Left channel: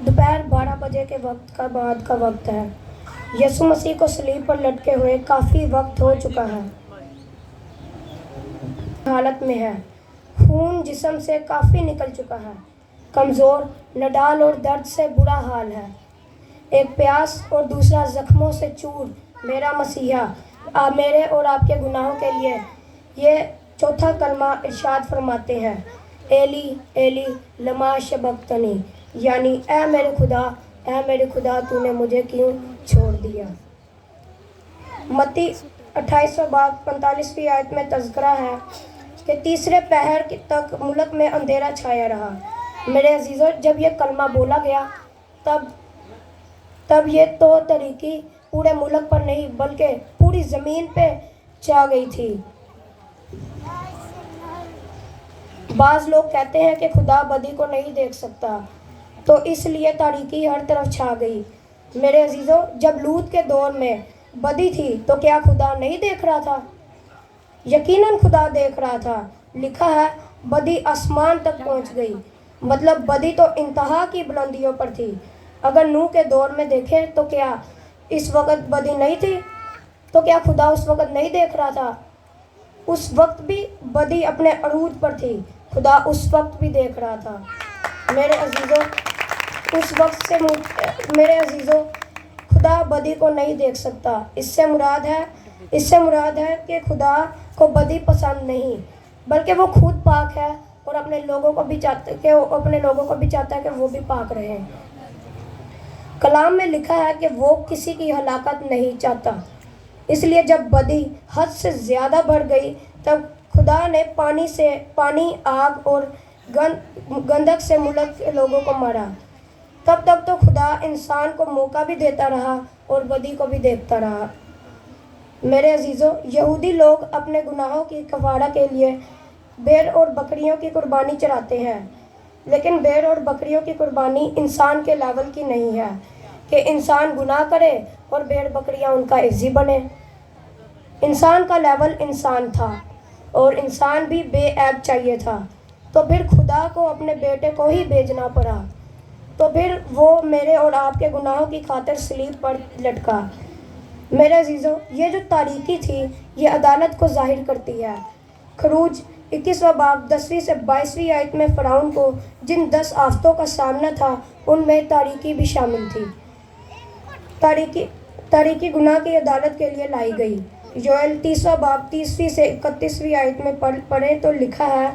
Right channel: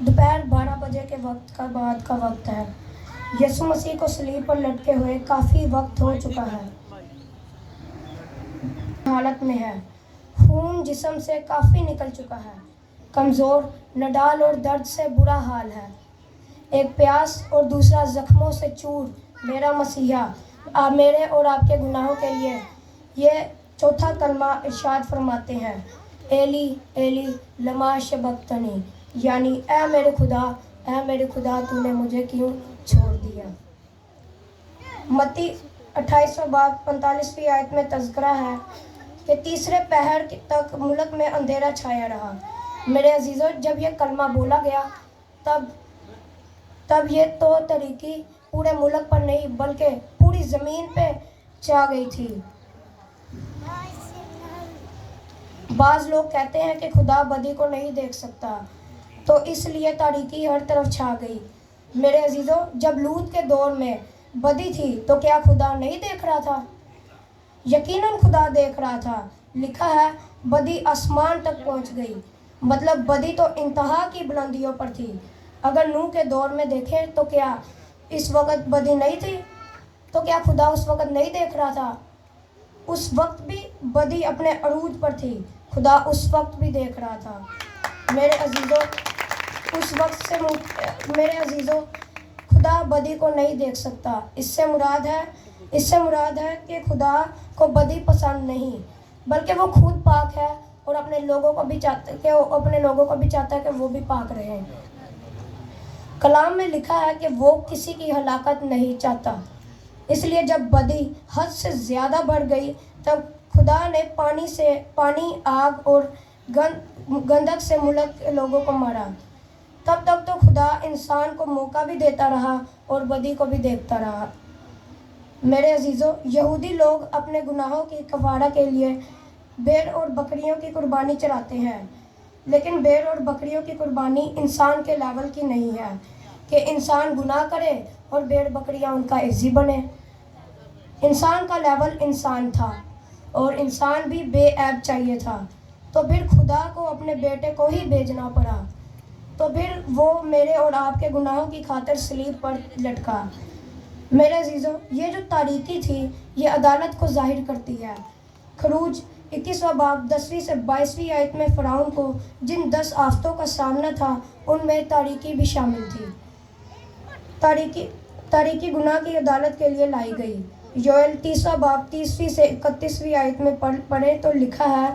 दोपहर 12 बजे के वक्त का बाद का वक्त है। यीशु मसीह को सलीब पर लटके हुए काफ़ी वक्त हो चुका है। हालत में है, खून जिस्म से काफ़ी निकल चुका है, कमज़ोर, नडाल और दर्द से बुरा हाल है। एक प्यास और दूसरा जख्मों से चूर मेरा मसीहा मेरे और आपके गुनाहों के लिए ये चौथा कलमा इरशाद फरमाते हैं, एली एली लमा शबक्तनी, यानी ऐ मेरे खुदा तूने मुझे क्यों छोड़ दिया। मत्ती 28 बाब 45वीं आयत में तज़किरा है कि तीसरे पहर तक मुल्क में अंधेरा छाया रहा। मेरे अजीज़ों, जब यह कलमा बोला गया तब ये तो तरीकी पूरे मुल्क पर नहीं बल्कि पूरी ज़मीन पे छा गई थी। बाज़ लोग कहते हैं कि खुदा बदी को नहीं देख सकता, तो इसलिए तारीकी हर तरफ छा गई। मेरे अजीज़ों, जब लूत के दौर में बदी थी तो क्या खुदा नहीं देख रहा था? यकीनन खुदा देख रहा था। लिखा है बदी आसमान तक पहुंच गई, मतलब बदी तो इंतहा की बुलंदियों पर थी। अगर नूह के दौर में देखें तो क्या इस वक्त बदी नहीं थी? तो क्या खुदा उस वक्त नहीं देख रहा था? उस वक्त भी बदी अपने अरूज पर थी, खुदा उस वक्त भी देख रहा था। मेरे अजीज़ों, खुदा बदी को नहीं देख सकता। इससे मुराद है कि खुदा को बदी पसंद नहीं, बल्कि वो खुद पाक है और अपने लोगों को भी चाहता है कि वो भी पाक रहे। कलाम में लिखा है कि वो किसी की हलाकत नहीं चाहता। इसलिए जब बदी हद से ज़्यादा बढ़ गई तब खुदा ने पानी, आग और गंधक से मुल्क के लोगों को मारा। तब तक तो खुदा इंसान को मौका भी देता रहा और बदी को भी देखता रहा। मेरे अजीज़ों, यहूदी लोग अपने गुनाहों की कफारा के लिए भेड़ और बकरियों की कुर्बानी चढ़ाते हैं, लेकिन भेड़ और बकरियों की कुर्बानी इंसान के लेवल की नहीं है कि इंसान गुनाह करे और भेड़ बकरियां उनका इज्जी बने। इंसान का लेवल इंसान था और इंसान भी बेऐब चाहिए था, तो फिर खुदा को अपने बेटे को ही भेजना पड़ा, तो फिर वो मेरे और आपके गुनाहों की खातिर सलीब पर लटका। मेरे अजीज़ों, ये जो तारीकी थी ये अदालत को जाहिर करती है। खरूज 21वां बाब 10वीं से 22वीं आयत में फ़िरौन को जिन 10 आफतों का सामना था उनमें तारीकी भी शामिल थी। तारीकी गुनाह की अदालत के लिए लाई गई। योएल 30वां बाब 30वीं से 31वीं आयत में पढ़े तो लिखा है,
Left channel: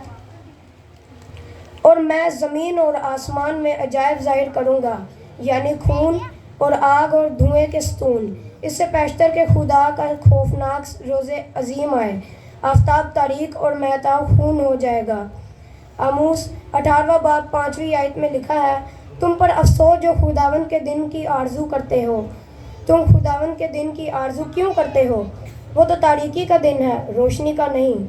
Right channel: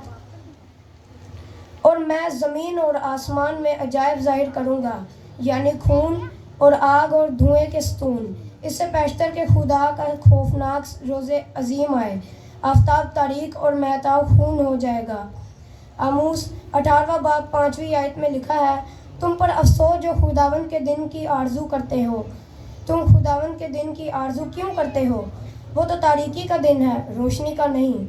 और मैं ज़मीन और आसमान में अजायब ज़ाहिर करूँगा, यानी खून और आग और धुएँ के स्तून। इससे पेशतर के खुदा का खौफनाक रोज़े अजीम आए, आफ्ताब तारीक और महताब खून हो जाएगा। आमूस 18वां बाब 5वीं आयत में लिखा है, तुम पर अफसोस जो खुदावन के दिन की आरजू करते हो। तुम खुदावन के दिन की आरजू क्यों करते हो? वो तो तारीकी का दिन है, रोशनी का नहीं।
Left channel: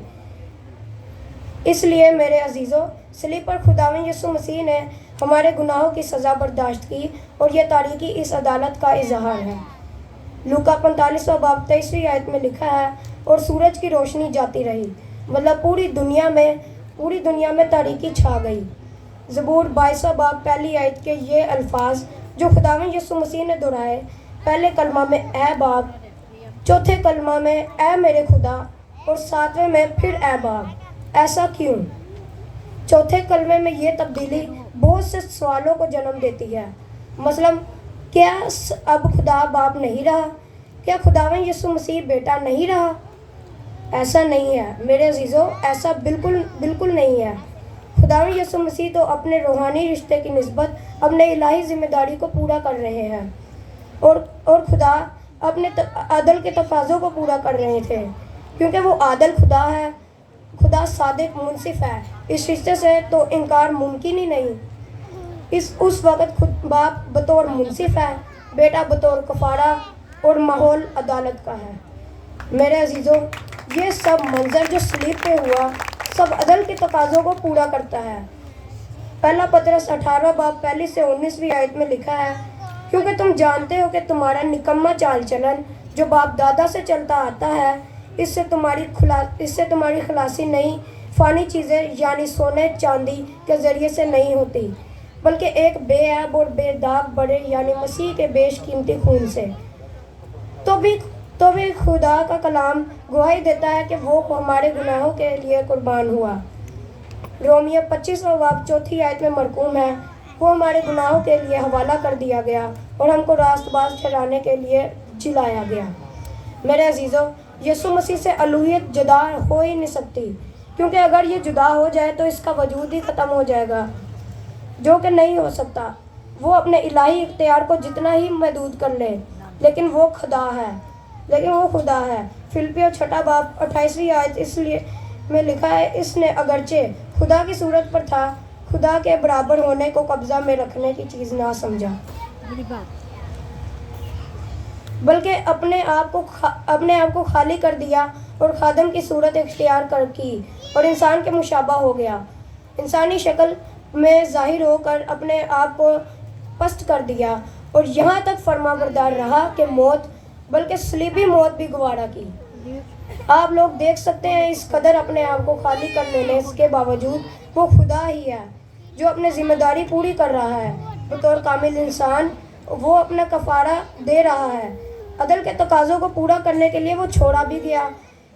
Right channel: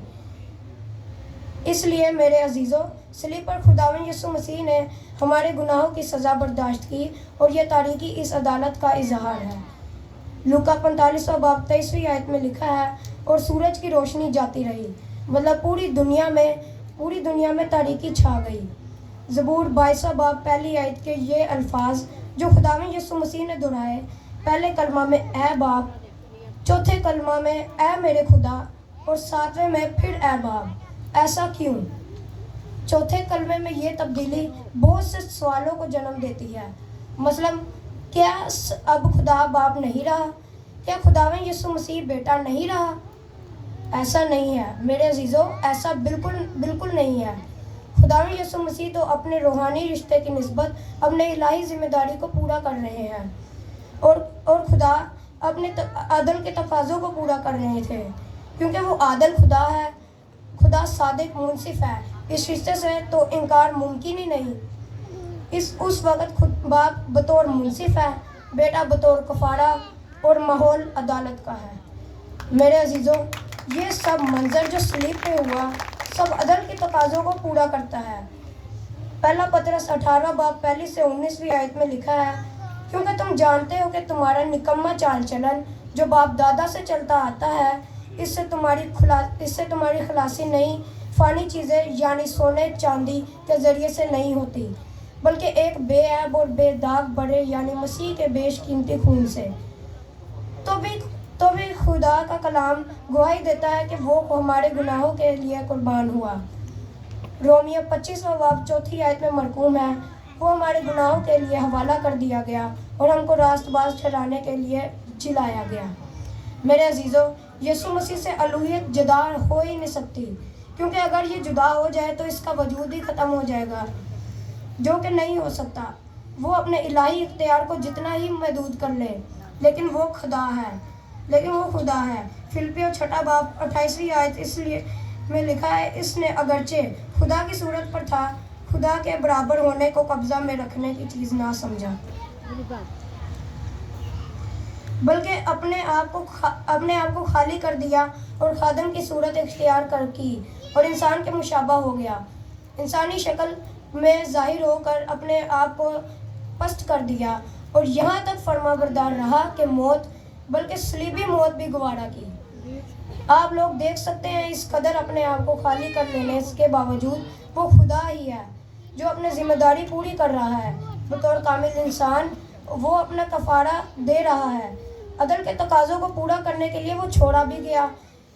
इसलिए मेरे अजीज़ों, सलीब पर खुदावन यीशु मसीह ने हमारे गुनाहों की सज़ा बर्दाश्त की और यह तारीकी इस अदालत का इजहार है। लूका 45वां बाब 23वीं आयत में लिखा है, और सूरज की रोशनी जाती रही, मतलब पूरी दुनिया में तारीकी छा गई। ज़बूर 22वां बाब पहली आयत के ये अल्फाज जो खुदावन यीशु मसीह ने दोहराए, पहले कलमा में ए बाप, चौथे कलमा में ए मेरे खुदा और 7वें में फिर ए बाप। ऐसा क्यों? चौथे कलमे में ये तब्दीली बहुत से सवालों को जन्म देती है। मसलन, क्या अब खुदा बाप नहीं रहा? क्या खुदावन यीशु मसीह बेटा नहीं रहा? ऐसा नहीं है मेरे अजीज़ों, ऐसा बिल्कुल नहीं है। खुदावन यीशु मसीह तो अपने रूहानी रिश्ते की निस्बत अपने इलाही जिम्मेदारी को पूरा कर रहे हैं और खुदा अपने आदल के तकाज़ों को पूरा कर रहे थे, क्योंकि वो आदल खुदा है। खुदा सादिक मुनसिफ है, इस रिश्ते से तो इनकार मुमकिन ही नहीं। उस वक़्त खुद बाप बतौर मुनसिफ है, बेटा बतौर कफारा और माहौल अदालत का है। मेरे अजीज़ों, ये सब मंजर जो सलीब पे हुआ सब अदल के तकाज़ों को पूरा करता है। पहला पतरस 18वां बाब 1 से 19वीं आयत में लिखा है, क्योंकि तुम जानते हो कि तुम्हारा निकम्मा चाल चलन जो बाप दादा से चलता आता है, इससे तुम्हारी खलासी नहीं فانی چیزیں یعنی سونے چاندی کے ذریعے سے نہیں ہوتی، بلکہ ایک بے عیب اور بے داغ بڑے یعنی مسیح کے بیش قیمتی خون سے۔ تو بھی خدا کا کلام گواہی دیتا ہے کہ وہ ہمارے گناہوں کے لیے قربان ہوا۔ رومیہ 25 باب 4 آیت میں مرقوم ہے، وہ ہمارے گناہوں کے لیے حوالہ کر دیا گیا اور ہم کو راست باز ٹھہرانے کے لیے جلایا گیا۔ میرے عزیزوں، یسوع مسیح سے الوہیت جدا ہو ہی نہیں سکتی، کیونکہ اگر یہ جدا ہو جائے تو اس کا وجود ہی ختم ہو جائے گا، جو کہ نہیں ہو سکتا۔ وہ اپنے الہی اختیار کو جتنا ہی محدود کر لے، لیکن وہ خدا ہے۔ فلپیوں 6 باب 28 آیت اس لیے میں لکھا ہے، اس نے اگرچہ خدا کی صورت پر تھا، خدا کے برابر ہونے کو قبضہ میں رکھنے کی چیز نہ سمجھا، بلکہ اپنے آپ کو خالی کر دیا اور خادم کی صورت اختیار کر کی اور انسان کے مشابہ ہو گیا۔ انسانی شکل میں ظاہر ہو کر اپنے آپ کو پست کر دیا اور یہاں تک فرما بردار رہا کہ موت، بلکہ صلیبی موت بھی گوارا کی۔ آپ لوگ دیکھ سکتے ہیں اس قدر اپنے آپ کو خالی کر لینے کے باوجود وہ خدا ہی ہے جو اپنی ذمہ داری پوری کر رہا ہے۔ بطور کامل انسان وہ اپنا کفارہ دے رہا ہے، عدل کے تقاضوں کو پورا کرنے کے لیے وہ چھوڑا بھی گیا،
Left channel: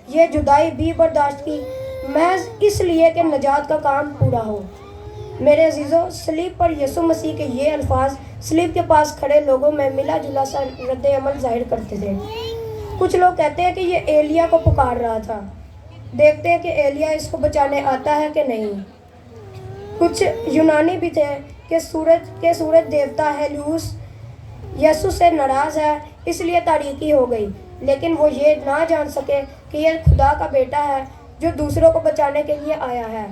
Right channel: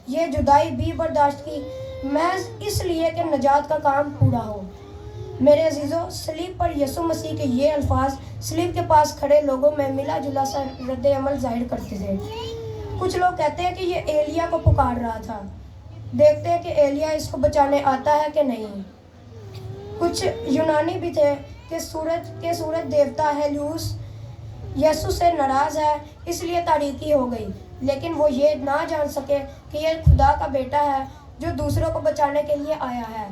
یہ جدائی بھی برداشت کی، محض اس لیے کہ نجات کا کام پورا ہو۔ میرے عزیزوں، صلیب پر یسوع مسیح کے یہ الفاظ صلیب کے پاس کھڑے لوگوں میں ملا جلا سا رد عمل ظاہر کرتے تھے۔ کچھ لوگ کہتے ہیں کہ یہ ایلیا کو پکار رہا تھا، دیکھتے ہیں کہ ایلیا اس کو بچانے آتا ہے کہ نہیں۔ کچھ یونانی بھی تھے کہ سورج دیوتا ہیلیوس یسوع سے ناراض ہے، اس لیے تاریکی ہو گئی، لیکن وہ یہ نہ جان سکے کہ یہ خدا کا بیٹا ہے جو دوسروں کو بچانے کے لیے آیا ہے۔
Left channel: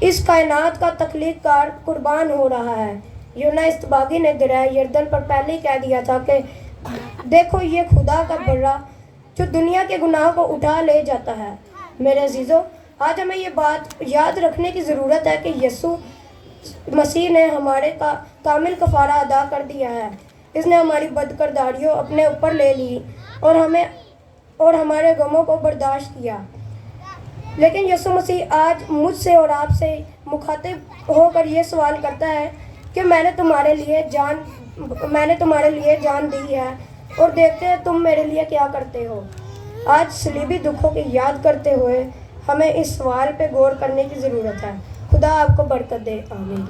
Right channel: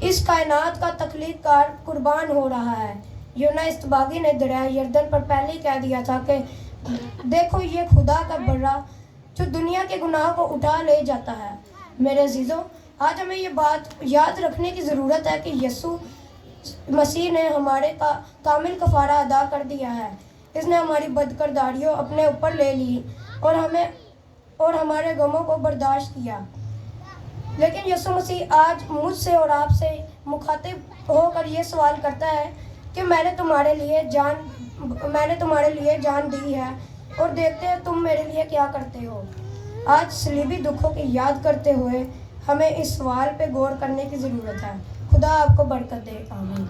اس کائنات کا تخلیق کار قربان ہو رہا ہے۔ یونا استباغی نے دریا یردن پر پہلے ہی کہہ دیا تھا کہ دیکھو یہ خدا کا برا جو دنیا کے گناہ کو اٹھا لے جاتا ہے۔ میرے عزیزوں، آج ہمیں یہ بات یاد رکھنے کی ضرورت ہے کہ یسوع مسیح نے ہمارے کامل کفارہ ادا کر دیا ہے۔ اس نے ہماری بدکرداریوں اپنے اوپر لے لی اور ہمارے غموں کو برداشت کیا۔ لیکن یسوع مسیح آج مجھ سے اور آپ سے مخاطب ہو کر یہ سوال کرتا ہے کہ میں نے تمہارے لیے جان دی ہے اور دیکھتے ہیں تم میرے لیے کیا کرتے ہو۔ آج صلیبی دکھوں کی یاد کرتے ہوئے ہمیں اس سوال پہ غور کرنے کی ضرورت ہے۔ خدا آپ کو برکت دے، آمین۔